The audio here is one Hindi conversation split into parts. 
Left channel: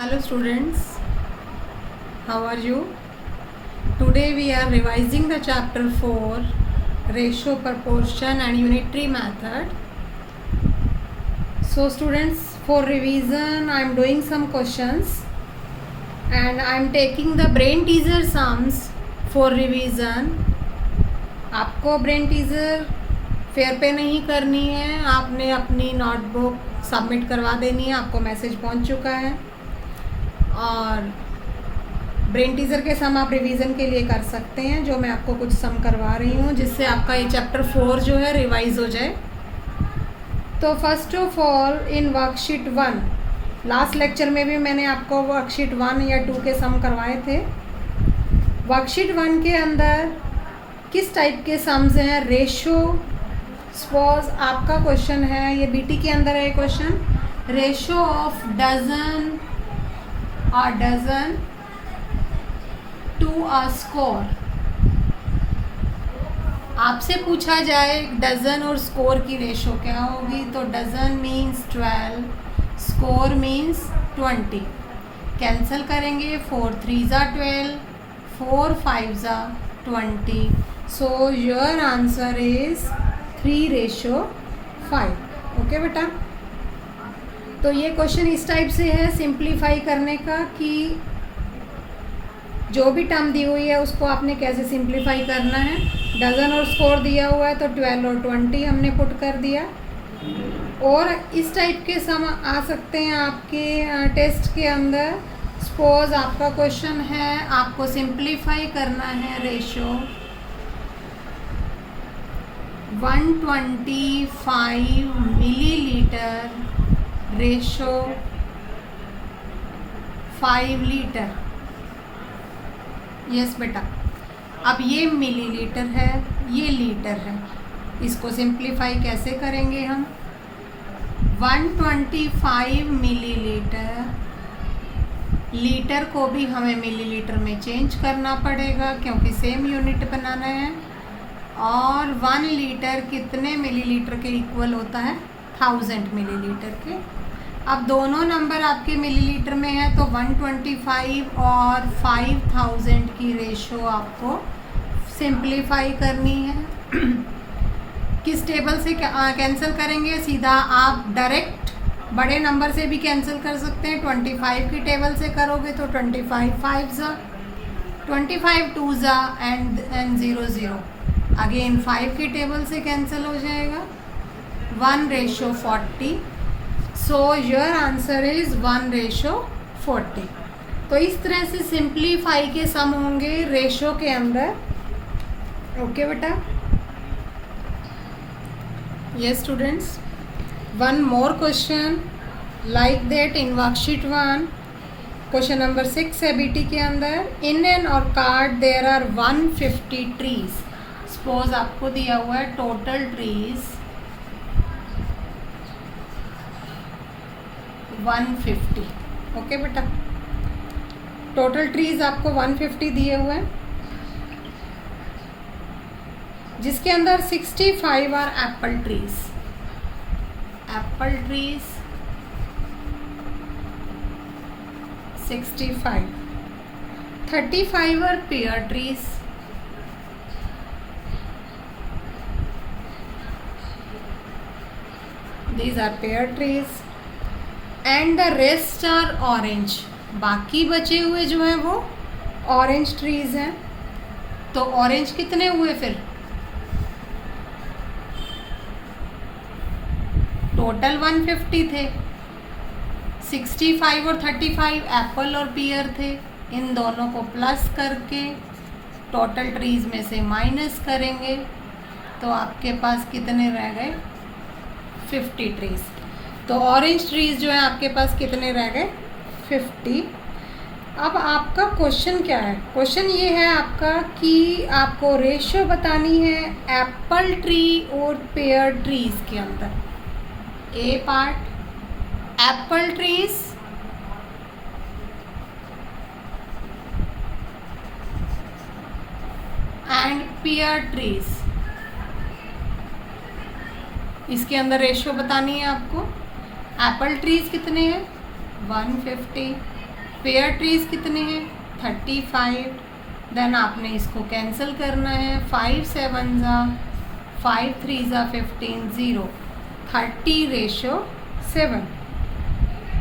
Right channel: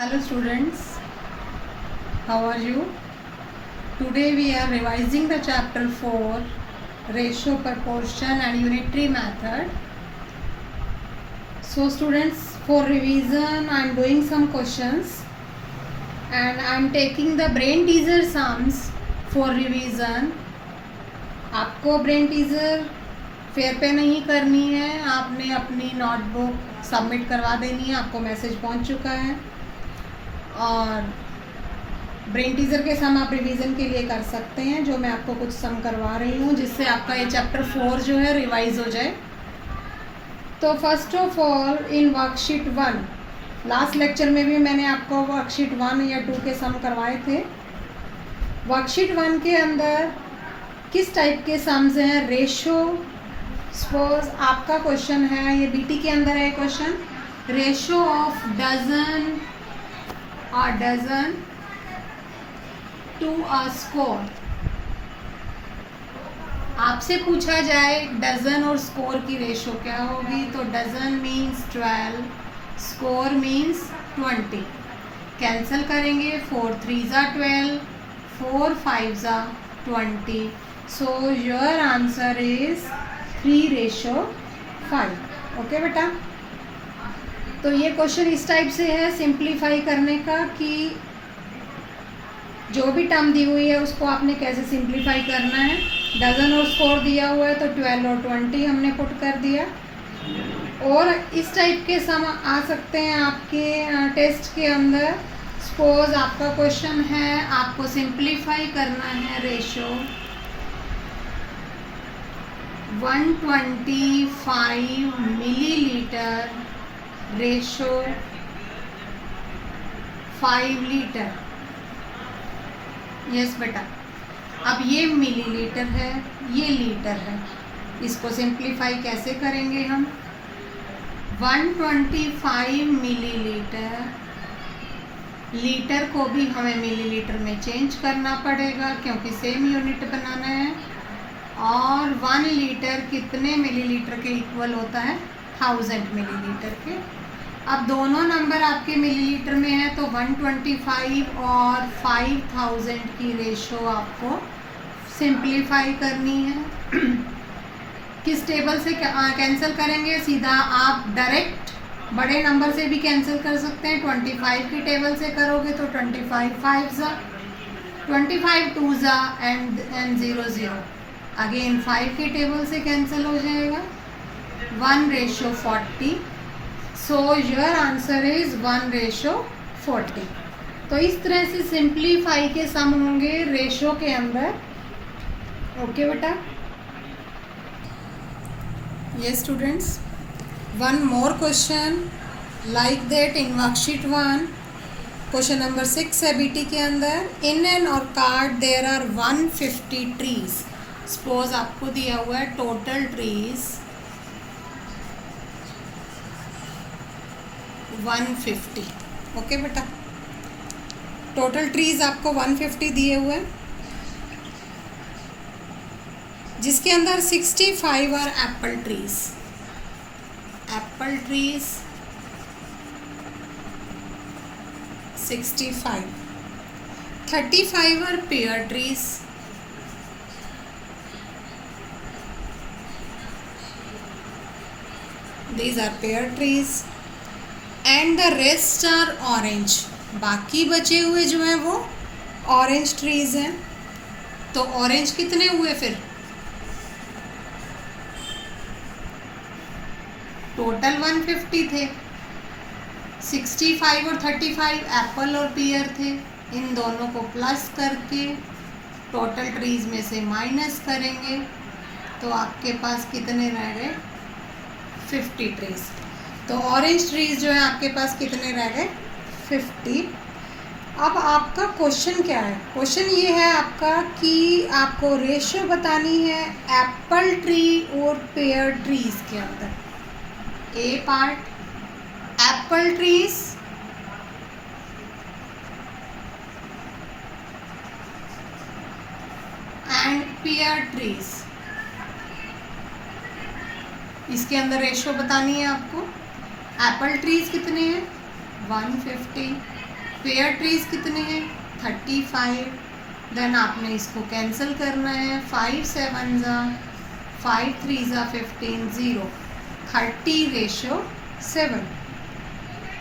Hello students, how are you? Today we are revising the chapter 4 ratio, proportion and unitary method. So students, for revision I am doing some questions and I am taking the brain teaser sums for revision. आपको ब्रेन टीजर फेयर पे नहीं करनी है, आपने अपनी नोटबुक सबमिट करवा देनी है, आपको मैसेज पहुंच चुका है। और ब्रेन टीजर के सम आप रिवीजन के लिए कर सकते हैं, जो मैं आपको कुछ सम करवा रही हूँ जिससे आपका ये चैप्टर 4 जो है रिवाइज हो जाए। तो first of all in worksheet 1, last lecture में भी मैंने आपको वर्कशीट 1 या 2 के सम करवाए थे। वर्कशीट 1 के अंदर किस टाइप के सम्स हैं? रेशो। सपोज आपका क्वेश्चन है, ये बीटी के अंदर है question, ratio of dozen to a score. आपसे पूछा जाए डजन और स्कोर की रेशो क्या होगी, तो dozen means 12, score means 20। Cancel करेंगे, 4 3 ज़ा 12, 4 5 ज़ा 20। So your answer is 3:5। Okay बेटा, तो ये क्वेश्चन इस टाइप से है सिंप्लीफाई करने का कि जो भी टर्म दी हुई है उसको आपने कैसे सिंप्लीफाई करना है। डजन और स्कोर दिया हुआ है तो 12 और 20 हमने पुट कर दिया। और इस टाइप के सम आ सकते हैं आपके टेस्ट के अंदर। सपोज आपका क्वेश्चन है, आपको सिंप्लीफाई करना है ratio 125 millilitre ratio 5 litre. Yes बेटा, अब ये मिलीलीटर है, ये लीटर है, इसको सिंप्लीफाई कैसे करेंगे हम? 125 मिलीलीटर, लीटर को भी हमें मिलीलीटर में चेंज करना पड़ेगा क्योंकि सेम यूनिट बनाना है। और 1 लीटर कितने मिलीलीटर के इक्वल होता है? 1000 मिलीलीटर के। अब दोनों नंबर आपके मिलीलीटर में है तो 125 और 5000 की रेशो आपको सिंप्लीफाई करनी है। किस टेबल से कैंसिल करेंगे? सीधा आप डायरेक्ट बड़े नंबर से भी कैंसिल कर सकते हैं। 25 की टेबल से करोगे तो 25 5 ज़ा, 25 2 ज़ा एंड 0 0। अगेन 5 की टेबल से कैंसिल हो जाएगा, 1:40। सो योर आंसर इज 1:40। तो इस तरह से सिंप्लीफाई के सम होंगे रेशो के अंदर। ओके बेटा, ये students, one more question like that in worksheet 1, question number 6 है बीटी के अंदर। In an orchard there are 150 trees. Suppose आपको दिया हुआ है टोटल ट्रीज 150। ओके बेटा, टोटल ट्रीज आपको 150 दिए हुए हैं, जिसके अंदर 65 are apple trees. Apple trees 65, 35 are pear trees, these are pear trees and the rest are orange। बाकी बचे हुए जो हैं वो ऑरेंज ट्रीज हैं। तो ऑरेंज कितने हुए फिर? टोटल 150 थे, 65 और 35 एप्पल और पियर थे। इन दोनों को प्लस करके टोटल ट्रीज में से माइनस करेंगे तो आपके पास कितने रह गए? 50 ट्रीज। तो ऑरेंज ट्रीज जो है आपके पास कितने रह गए? 50। अब आपका क्वेश्चन क्या है? क्वेश्चन ये है आपका कि आपको रेशियो बतानी है एप्पल ट्री और पेयर ट्रीज के अंदर। A part apple trees and pear trees, इसके अंदर रेशियो बतानी है आपको। एप्पल ट्रीज कितने हैं? 150 पेयर ट्रीज कितने हैं 35, देन आपने इसको कैंसिल करना है, 5 7 ज़ा 5 3 ज़ा 15 0 30:7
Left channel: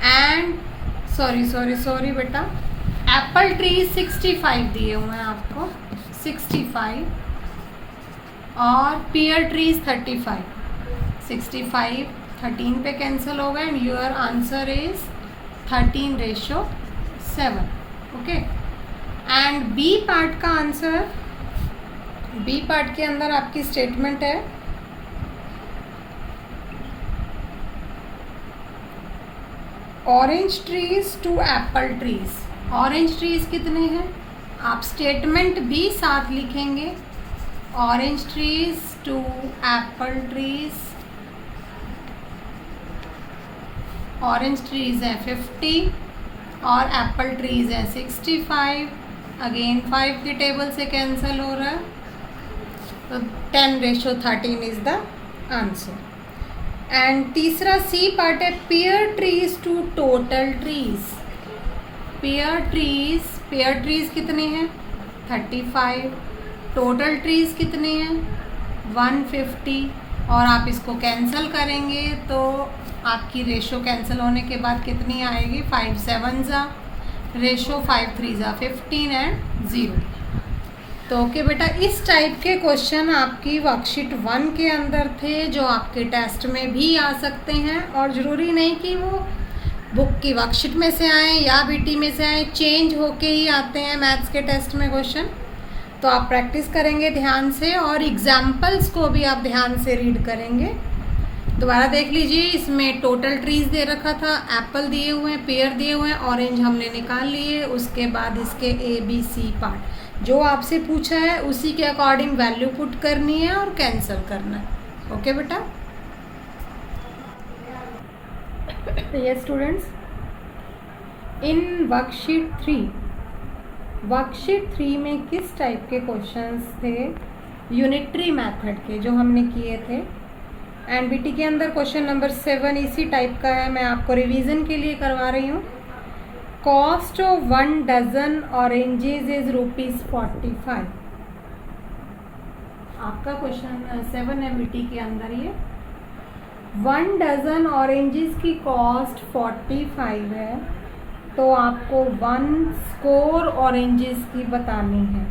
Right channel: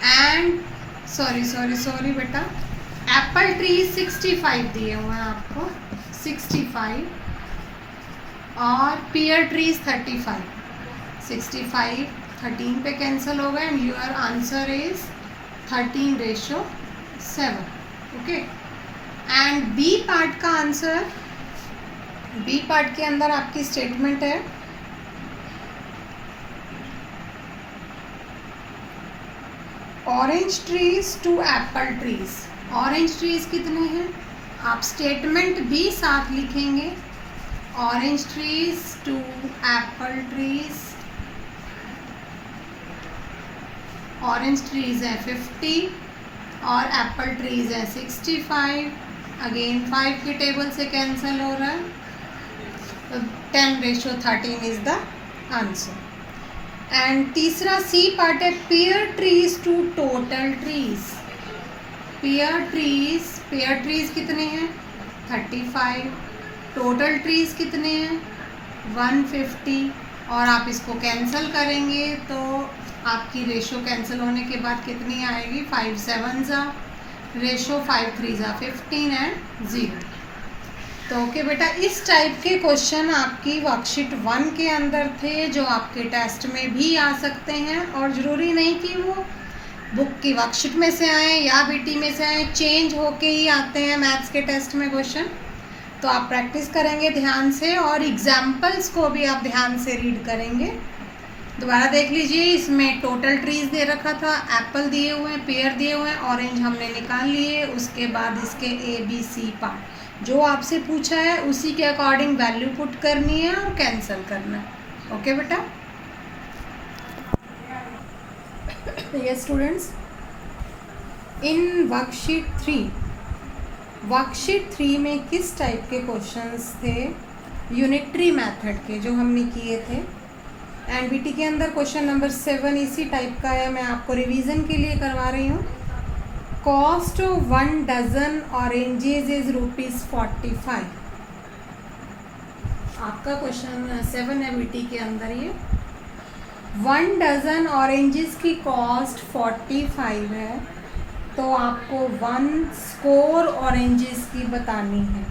एंड सॉरी बेटा एप्पल ट्रीज 65 दिए हुए हैं आपको 65 और पेयर ट्रीज 35 65 13 पे कैंसिल होगा and your answer is 13:7 okay. And B part का आंसर, बी पार्ट के अंदर आपकी स्टेटमेंट है orange trees to apple trees. Orange trees कितने हैं, आप स्टेटमेंट भी साथ लिखेंगे, orange trees to apple trees. Orange trees है 50 और एप्पल ट्रीज है 65। अगेन 5 की टेबल से कैंसिल हो रहा है, तो 10:13 इज द आंसर। एंड तीसरा सी पार्ट है pear trees to total trees. Pear trees कितने हैं 35, टोटल ट्रीज कितने हैं 150 और आप इसको कैंसिल करेंगे तो आपकी रेशो कैंसिल होने के बाद कितनी आएगी 5 7 ज़ा रेशो 5 3 ज़ा 15 एंड 0। तो ओके बेटा, इस टाइप के क्वेश्चन आपकी वर्कशीट 1 के अंदर थे जो आपके टेस्ट में भी आ सकते हैं और ज़रूरी नहीं कि वो बुक की वर्कशीट में से आए या बीटी में से आए, चेंज होके ही आते हैं मैथ्स के टेस्ट में क्वेश्चन। तो आप प्रैक्टिस करेंगे ध्यान से और एग्जाम्पल्स को भी आप ध्यान से रीड करेंगे। दोबारा देख लीजिए, इसमें टोटल ट्रीज दे रखा था, एप्पल दिए हुए हैं, पेयर दिए हुए हैं, ऑरेंज हमने निकाल लिए, उसके बाद इसके ABC पार्ट जो आपसे पूछा है उसी के अकॉर्डिंग वैल्यू पुट करनी है और कैंसिल करना है। ओके बेटा, ये स्टूडेंट्स इन वर्कशीट 3 में किस टाइप के क्वेश्चंस थे, यूनिटरी मेथड के जो हमने किए थे। एंड बीटी के अंदर क्वेश्चन नंबर 7 इसी टाइप का है, मैं आपको रिवीजन के लिए करवा रही हूँ। Cost of 1 dozen oranges is ₹45। आपका क्वेश्चन 7 है बीटी के अंदर। ये 1 डजन ऑरेंजेस की कॉस्ट 45 है, तो आपको 1 स्कोर ऑरेंजेस की बतानी है।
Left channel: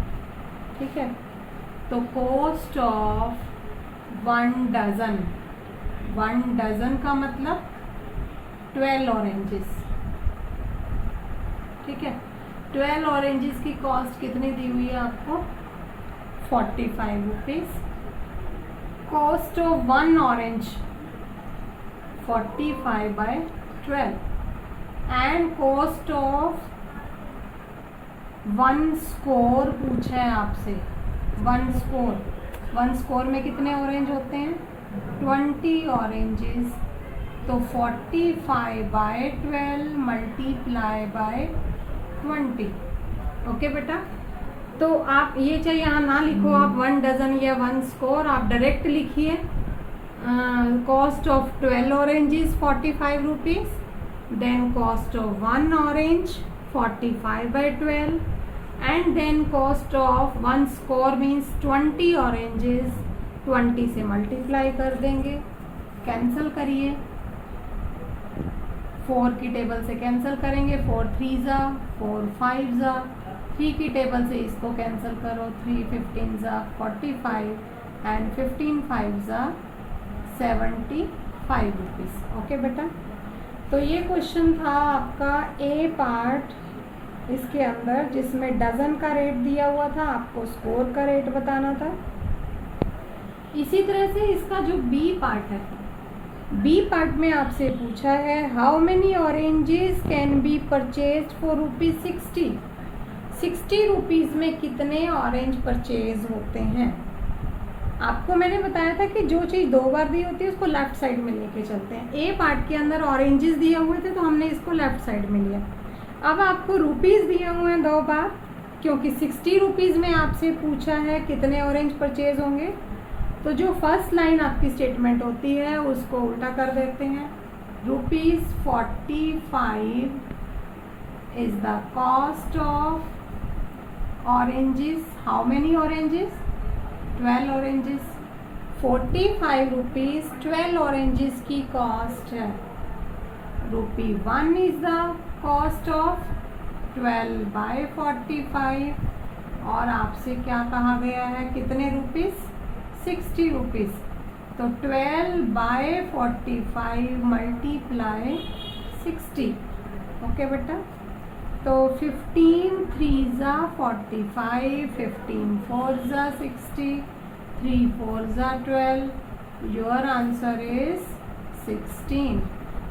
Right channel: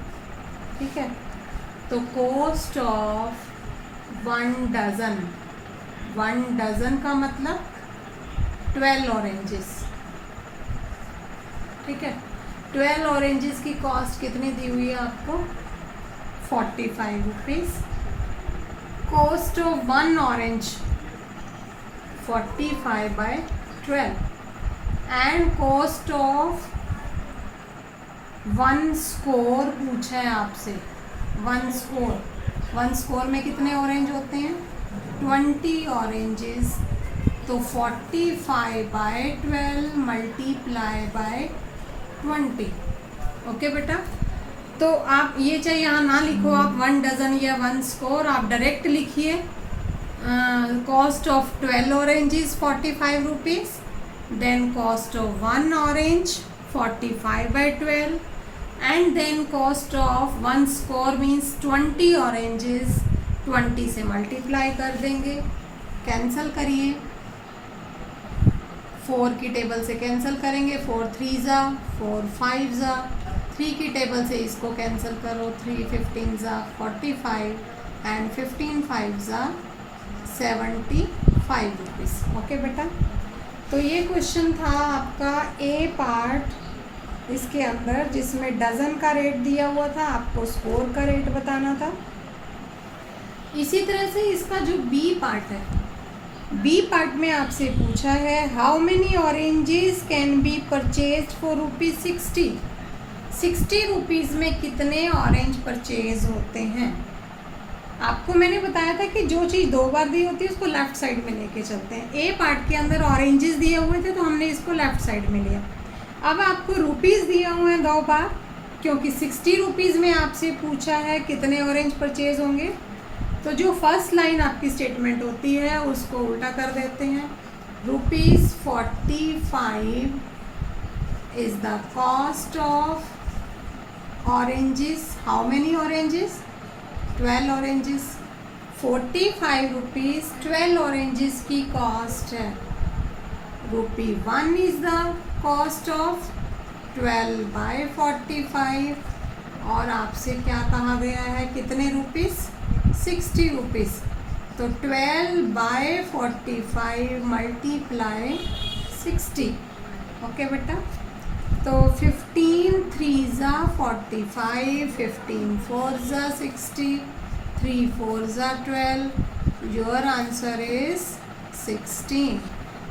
ठीक है, तो कॉस्ट ऑफ 1 डजन का मतलब 12 ऑरेंजेस। ठीक है, 12 ऑरेंजेस की कॉस्ट कितनी दी हुई है आपको 45 rupees. Cost of 1 orange 45/12 and cost of 1 score पूछा है आपसे। 1 स्कोर में कितने ऑरेंज होते हैं 20 ऑरेंजेस, तो 45/12 मल्टीप्लाई बाय 20। ओके बेटा, तो आप ये चाहे यहाँ ना लिखो, आप 1 डजन या 1 स्कोर आप डायरेक्ट लिखिए। Cost of 12 oranges 45 rupees, then cost of 1 orange 45/12 and then cost of 1 score means 20 oranges 20 से मल्टीप्लाई कर देंगे। कैंसिल करिए, 4 की टेबल से कैंसिल करेंगे, 4 3 ज़ा 4 5 ज़ा, 3 की टेबल से इसको कैंसिल करो, 3 15 ज़ा 45 एंड 15 5 ज़ा 75 रुपीज़। ओके बेटा, तो ये क्वेश्चन था आपका ए पार्ट इसके अंदर, जिसमें डज़न का रेट दिया हुआ था, आपको स्कोर का रेट बताना था। इसी तरह से इसका जो बी पार्ट है, बी पार्ट में आपसे पूछा है how many oranges can be purchase for ₹60। 60 rupees में कितने ऑरेंज परचेज होते हैं। आपको मैंने बताया था कि जो चीज़ 2 बार दी होती है उसको लेफ़्ट साइड में लेके चलते हैं। ए पार्ट के अंदर ऑरेंजेस दिए हुए थे तो हमने इसको लेफ़्ट साइड में लिया। अब आपको रुपीज़ दिए हुए हैं 2 बार, क्योंकि 60 रुपीज़ में आपसे पूछा है कितने ऑरेंज परचेज होंगे, तो जो फर्स्ट लाइन आपकी स्टेटमेंट होती है उसको उल्टा कर देते हैं। ₹45 is the cost of oranges. How many oranges? 12 oranges. 45 rupees 12 oranges की cost है. ₹1 is the cost of 12 by 45. और आपसे क्या कहा गया है, कितने रुपीस? 60 रुपीस. तो 12 by 45 मल्टीप्लाई 60. ओके बेटा. तो 15 3 ज़ा 45, 15 4 ज़ा 60, 3 4 ज़ा 12. Your answer is 16.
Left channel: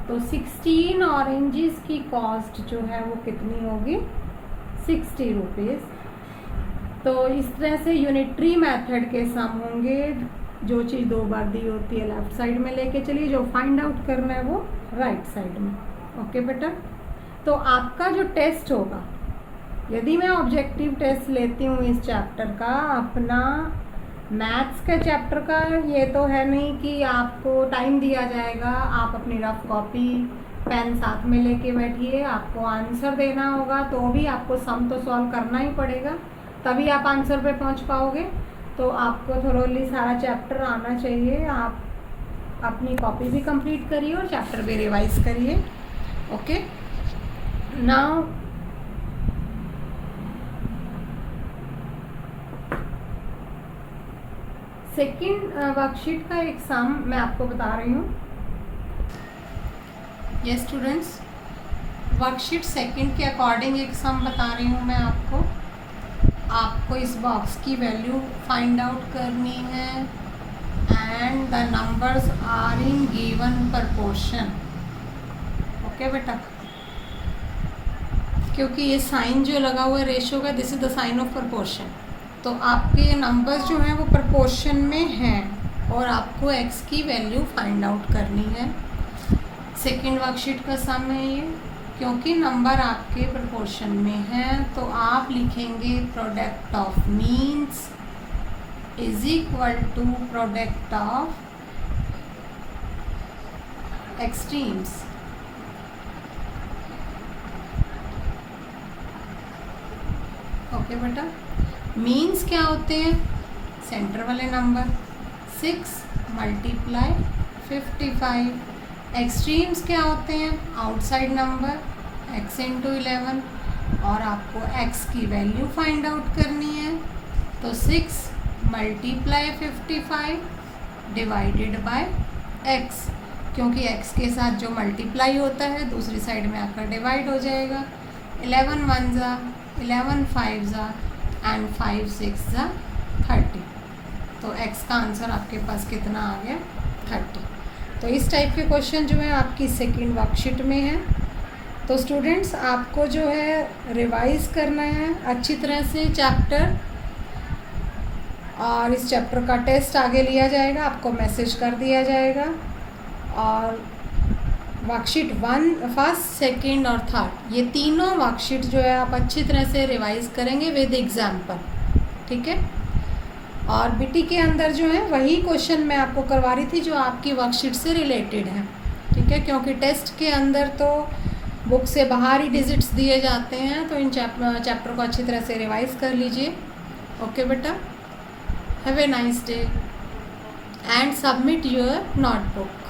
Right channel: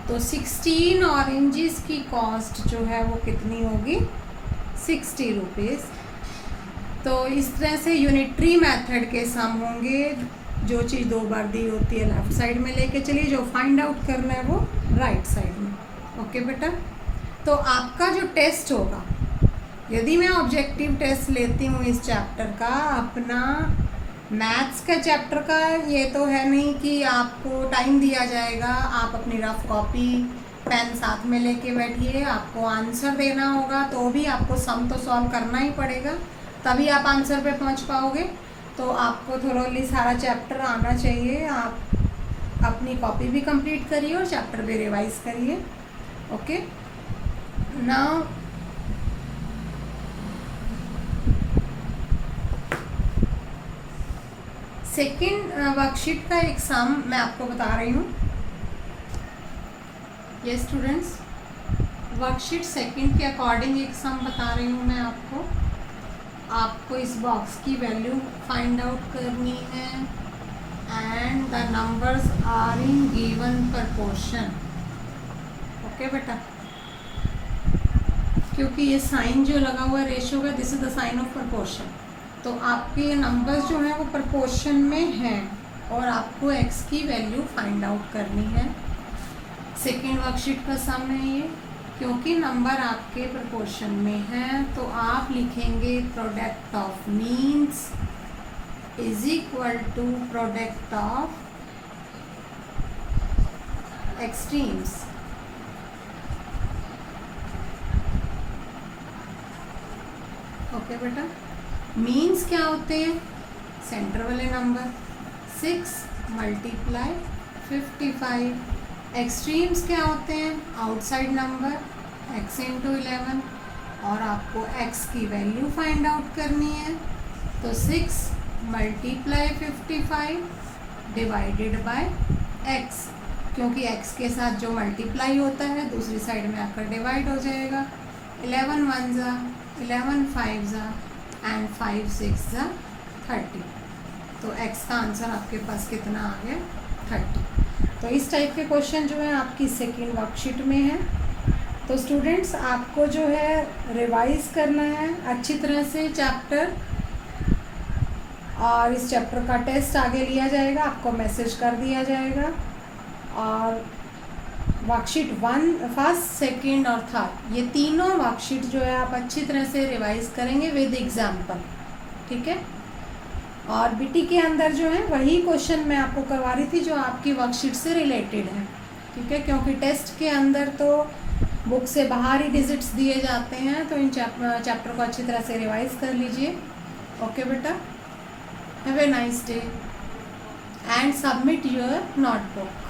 तो 16 ऑरेंजेस की कॉस्ट जो है वो कितनी होगी? 60 रुपीज़. तो इस तरह से यूनिटरी मेथड के सम होंगे. जो चीज़ 2 बार दी होती है लेफ्ट साइड में लेके चलिए, जो फाइंड आउट करना है वो राइट साइड में. ओके बेटा. तो आपका जो टेस्ट होगा, यदि मैं ऑब्जेक्टिव टेस्ट लेती हूँ इस चैप्टर का, अपना मैथ्स का चैप्टर का, ये तो है नहीं कि आपको टाइम दिया जाएगा, आप अपनी रफ कॉपी पेन साथ में लेके बैठिए, आपको आंसर देना होगा, तो भी आपको सम तो सॉल्व करना ही पड़ेगा, तभी आप आंसर पे पहुँच पाओगे. तो आपको थोरोली सारा चैप्टर आना चाहिए. आप अपनी कॉपी भी कंप्लीट करिए और चैप्टर भी रिवाइज करिए. ओके. नाउ सेकेंड वर्कशीट का एक सम मैं आपको बता रही हूँ. ये स्टूडेंट्स, वर्कशीट सेकेंड के अकॉर्डिंग एक सम बता रही हूँ मैं आपको. आपको इस बॉक्स की वैल्यू फाइंड आउट करनी है and the numbers are in given proportion. Okay बेटा. क्योंकि ये साइन जो लगा हुआ है रेशो का, this is the sign of proportion. तो आपके नंबर्स जो हैं वो प्रपोर्शन में हैं और आपको x की वैल्यू फाइंड आउट करनी है. सेकेंड वर्कशीट का सम है ये. क्योंकि नंबर आपके प्रोपोर्शन में है तो आप लिखेंगे product of means is equal to product of extremes. Okay बेटा. मीन्स क्या होते हैं? सेंटर वाले नंबर. 6 मल्टीप्लाई 55. एक्सट्रीम्स क्या होते हैं? Outside number x into 11. और आपको x की वैल्यू फाइंड आउट करनी है. तो 6 मल्टीप्लाई 55 डिवाइडेड बाय x. क्योंकि x के साथ जो मल्टीप्लाई होता है दूसरी साइड में आकर डिवाइड हो जाएगा. 11 1 ज़ा 11 5 ज़ा एंड 5 6 ज़ा 30. तो x का आंसर आपके पास कितना आ गया? 30. तो इस टाइप के क्वेश्चन जो है आपकी सेकेंड वर्कशीट में है. तो स्टूडेंट्स, आपको जो है रिवाइज करना है अच्छी तरह से चैप्टर, और इस चैप्टर का टेस्ट आगे लिया जाएगा, आपको मैसेज कर दिया जाएगा. और वर्कशीट 1 फर्स्ट सेकेंड और थर्ड, ये तीनों वर्कशीट जो है आप अच्छी तरह से रिवाइज करेंगे विद एग्जाम्पल. ठीक है. और बीटी के अंदर जो है वही क्वेश्चन मैं आपको करवा रही थी जो आपकी वर्कशीट से रिलेटेड है. ठीक है. क्योंकि टेस्ट के अंदर तो बुक से बाहर ही डिजिट्स दिए जाते हैं, तो इन चैप्टर को अच्छी तरह से रिवाइज कर लीजिए. ओके बेटा. Have a nice day and submit your notebook.